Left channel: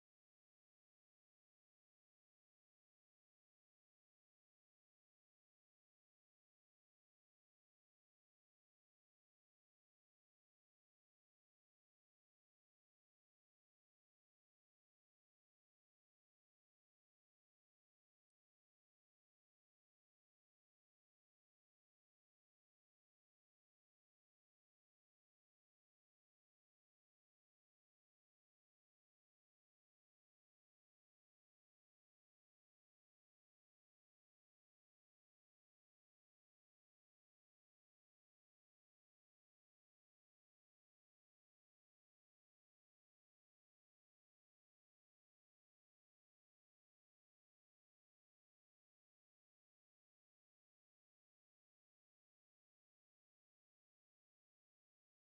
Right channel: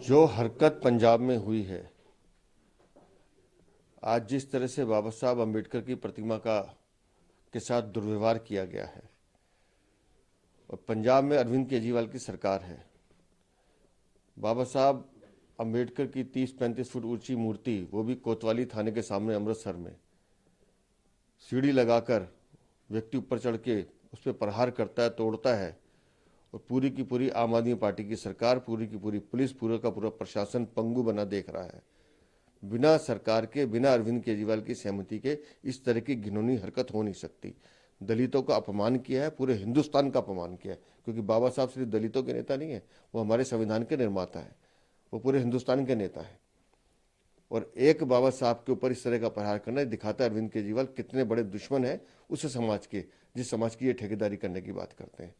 जो हरकत पंजाब में हुई है, आज जिस तरह से बाबा साहब अम्बेडकर की प्रतिमा के साथ दुर्व्यवहार किया गया है, और पंजाब में अरविंद केजरीवाल की सरकार है। बाबा साहब अम्बेडकर की 30-35 फुट ऊंची मूर्ति, वो भी कोतवाली थाने के सामने अमृतसर में, सीढ़ी लगाकर व्यक्ति ऊपर चढ़ के उस पर प्रहार करता है, तोड़ता है। और पूरी की पूरी आम आदमी पार्टी की सरकार, पूरी की पूरी पुलिस, पूरा का पूरा प्रशासन पंगु बना देख रहा है। बिना सरकार के, बिना अरविंद केजरीवाल की सहमति के इस तरह की घिनौनी हरकत हो नहीं सकती। दलितों का अपमान किया है, पूरे हिंदुस्तान का अपमान किया है, क्योंकि बाबा साहब सिर्फ दलितों के नेता नहीं है, वो हमारे संविधान के निर्माता है, वो पूरे हिंदुस्तान के नेता है। और एक बाबा साहब के ऊपर इस तरह का प्रहार करना दिखाता है अरविंद केजरीवाल कितने बड़े दुश्मन है उस समाज के, जिस समाज की ये ठेकेदारी करने की बात करते हैं।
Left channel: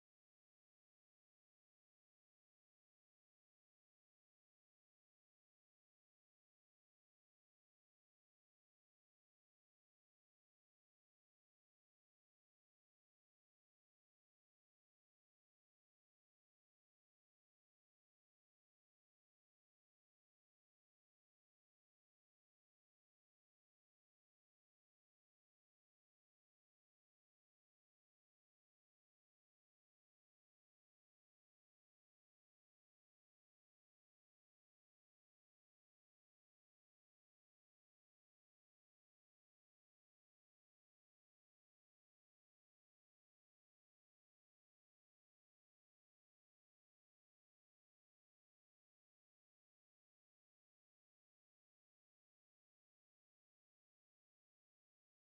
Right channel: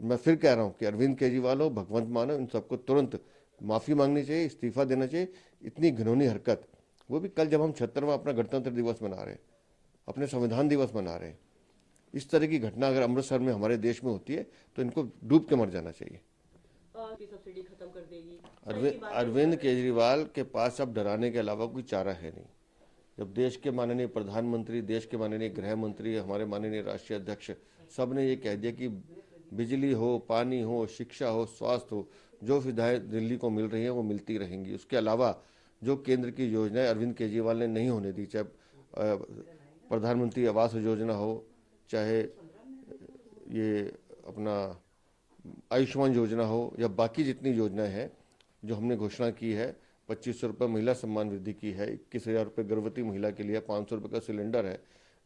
और मैं फिर कह रहा हूं कि अरविंद केजरीवाल हो, भगवंत मान हो, इन सबको तुरंत माफी मांगनी चाहिए, इस्तीफा देना चाहिए। इतनी घिनौनी हरकत, वो भी कल जब हम 76वां अपना गणतंत्र दिवस मना रहे हैं, अपने संविधान दिवस मना रहे हैं, इस तरह की घटना अगर अमृतसर में हमारे देश में होती है तो इनको डूब के मर जाना चाहिए। सब्सिडी खत्म कर देगी। अरविंद केजरीवाल के पास अब डराने के अलावा कोई चारा है नहीं। जब देश के माननीय प्रधानमंत्री, देश के माननीय गृह मंत्री, हमारे माननीय राष्ट्रीय अध्यक्ष सब ने ये कह दिया कि बिजली हो, पानी हो, शिक्षा हो, स्वास्थ्य हो, जो सुविधाएं दिल्ली को मिल रही हैं वो मिलती रहेंगी। उसके अलावा जो केंद्र की योजनाएं अरविंद केजरीवाल ने नहीं होने दी, चाहे प्रधानमंत्री आवास योजना हो, चाहे ये अपना आयुष्मान योजना हो, या बाकी जितनी योजनाएं हैं जो हमने घोषणा की है, 2500 रुपये महिला सम्मान वृद्धि की है, 21,000 रुपये गर्भवती महिला के लिए, 500 रुपये का सिलेंडर है,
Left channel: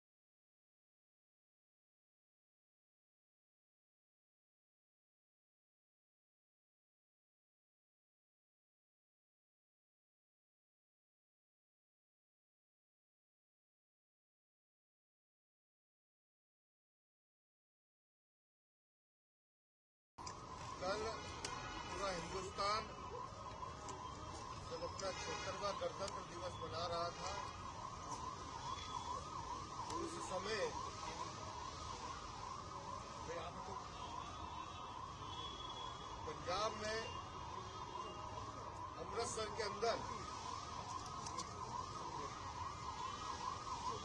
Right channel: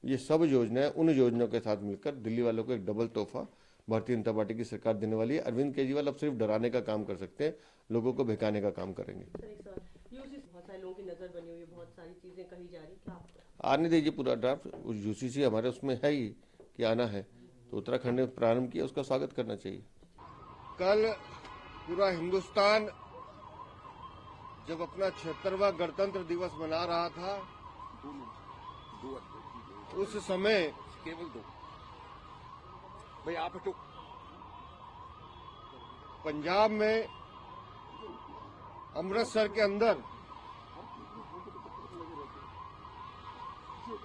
ये सब योजनाएं उन योजनाओं के साथ मिलकर दिल्ली वालों को एक डबल तोहफा भारतीय जनता पार्टी की सरकार देने वाली है। अरविंद केजरीवाल अब सिर्फ डराने का काम कर सकते हैं, लोगों को बहकाने का काम करेंगे। बहुत सारे लोगों की नजर बनी हुई है, बहुत सारी चीजें कही जा रही, क्या आने दीजिए पूरा ड्राफ्ट। यूसीसी हमारे उसमें है ही कि आना है, तो उत्तराखंड ने प्रारंभ किया, उसका स्वागत करना चाहिए। कल पूरा हिंदुस्तान जब अपना 76वां गणतंत्र दिवस मना रहा था, उस समय केवल दो भाई आप तो पंजाब में अमृतसर के अंदर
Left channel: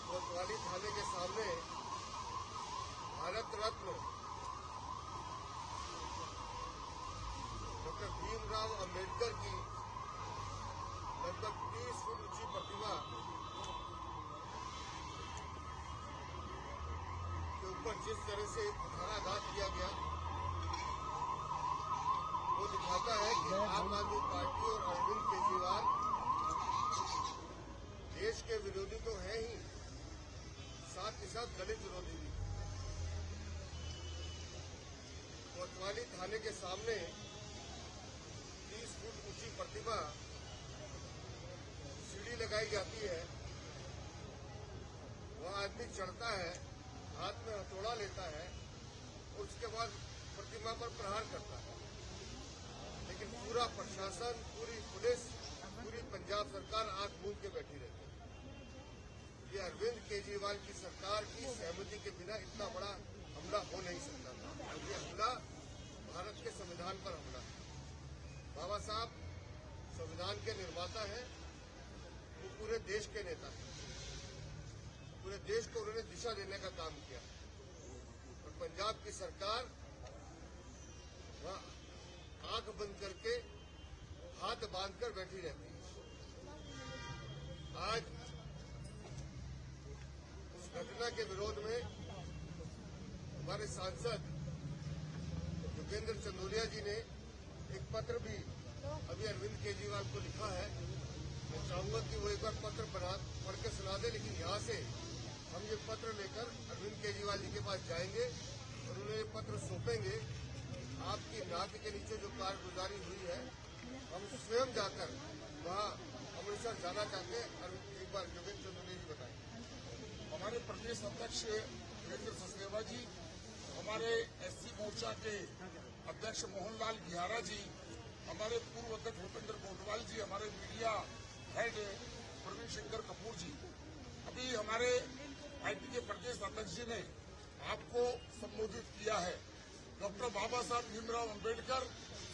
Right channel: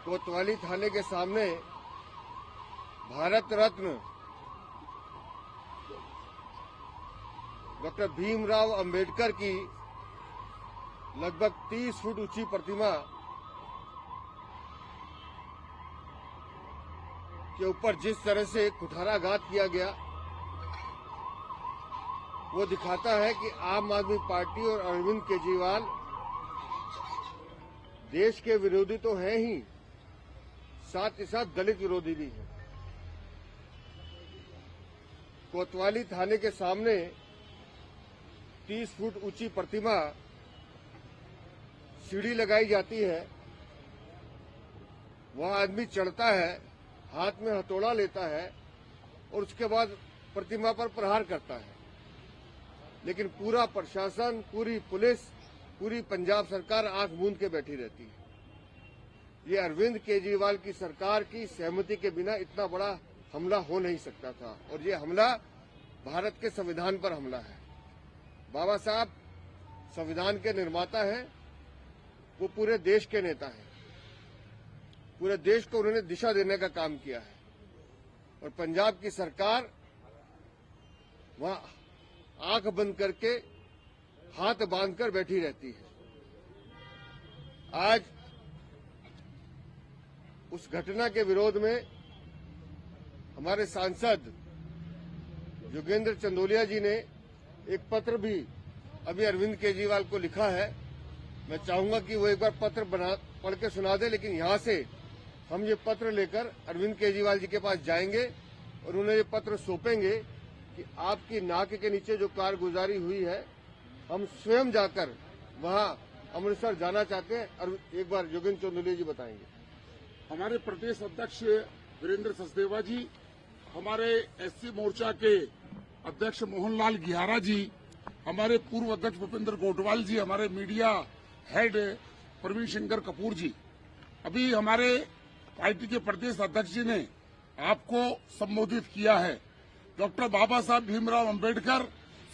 कोतवाली थाने के सामने भारत रत्न डॉक्टर भीमराव अंबेडकर की लगभग 30 फुट ऊंची प्रतिमा के ऊपर जिस तरह से कुठाराघात किया गया, वो दिखाता है कि आम आदमी पार्टी और अरविंद केजरीवाल देश के विरोधी तो हैं ही, साथ ही साथ दलित विरोधी भी हैं। कोतवाली थाने के सामने 30 फुट ऊंची प्रतिमा, सीढ़ी लगाई जाती है, वहां आदमी चढ़ता है, हाथ में हथौड़ा लेता है और उसके बाद प्रतिमा पर प्रहार करता है। लेकिन पूरा प्रशासन, पूरी पुलिस, पूरी पंजाब सरकार आंख मूंद के बैठी रहती है। ये अरविंद केजरीवाल की सरकार की सहमति के बिना इतना बड़ा हमला हो नहीं सकता था, और ये हमला भारत के संविधान पर हमला है। बाबा साहब संविधान के निर्माता हैं, वो पूरे देश के नेता हैं, पूरे देश को उन्होंने दिशा देने का काम किया है। और पंजाब की सरकार वहां आंख बंद करके, हाथ बांधकर बैठी रहती है। आज उस घटना के विरोध में हमारे सांसद योगेंद्र चंदोलिया जी ने एक पत्र भी अभी अरविंद केजरीवाल को लिखा है। मैं चाहूंगा कि वो एक बार पत्र पढ़ के सुना दे, लेकिन यहां से हम ये पत्र लेकर अरविंद केजरीवाल जी के पास जाएंगे और उन्हें ये पत्र सौंपेंगे कि आपकी नाक के नीचे जो कारगुजारी हुई है, हम स्वयं जाकर वहां अमृतसर जाना चाहते हैं। और एक बार योगेंद्र चंदोलिया जी बताएंगे। हमारे प्रदेश अध्यक्ष वीरेंद्र सचदेवा जी, हमारे एससी मोर्चा के अध्यक्ष मोहनलाल गिहारा जी, हमारे पूर्व अध्यक्ष भूपेंद्र गोटवाल जी, हमारे मीडिया हेड प्रवीण शंकर कपूर जी, अभी हमारे पार्टी के प्रदेश अध्यक्ष जी ने आपको संबोधित किया है। डॉक्टर बाबा साहब भीमराव अंबेडकर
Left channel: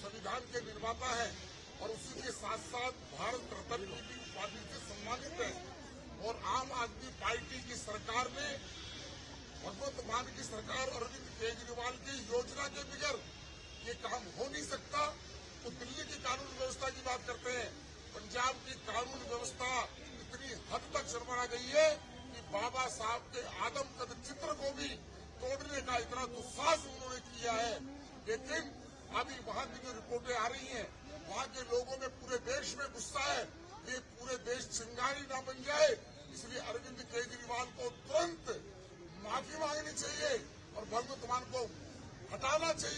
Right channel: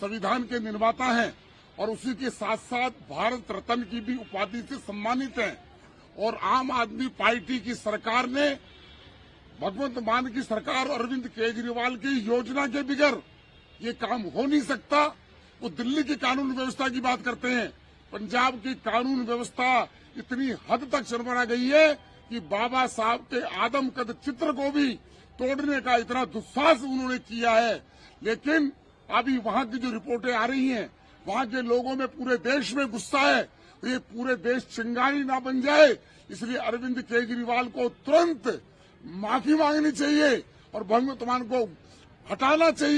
संविधान के निर्माता हैं और उसी के साथ साथ भारत रत्न की भी उपाधि से सम्मानित हैं। और आम आदमी पार्टी की सरकार ने भगवंत मान की सरकार और अरविंद केजरीवाल की योजना के बगैर ये काम हो नहीं सकता। वो दिल्ली की कानून व्यवस्था की बात करते हैं, पंजाब की कानून व्यवस्था इतनी हद तक शर्मना गई है कि बाबा साहब के आदमकद चित्र को भी तोड़ने का इतना दुस्साहस उन्होंने किया है। लेकिन अभी वहां की जो रिपोर्टें आ रही हैं, वहां के लोगों में पूरे देश में गुस्सा है। ये पूरे देश चिंगारी ना बन जाए, इसलिए अरविंद केजरीवाल को तुरंत माफी मांगनी चाहिए और भगवंत मान को हटाना चाहिए।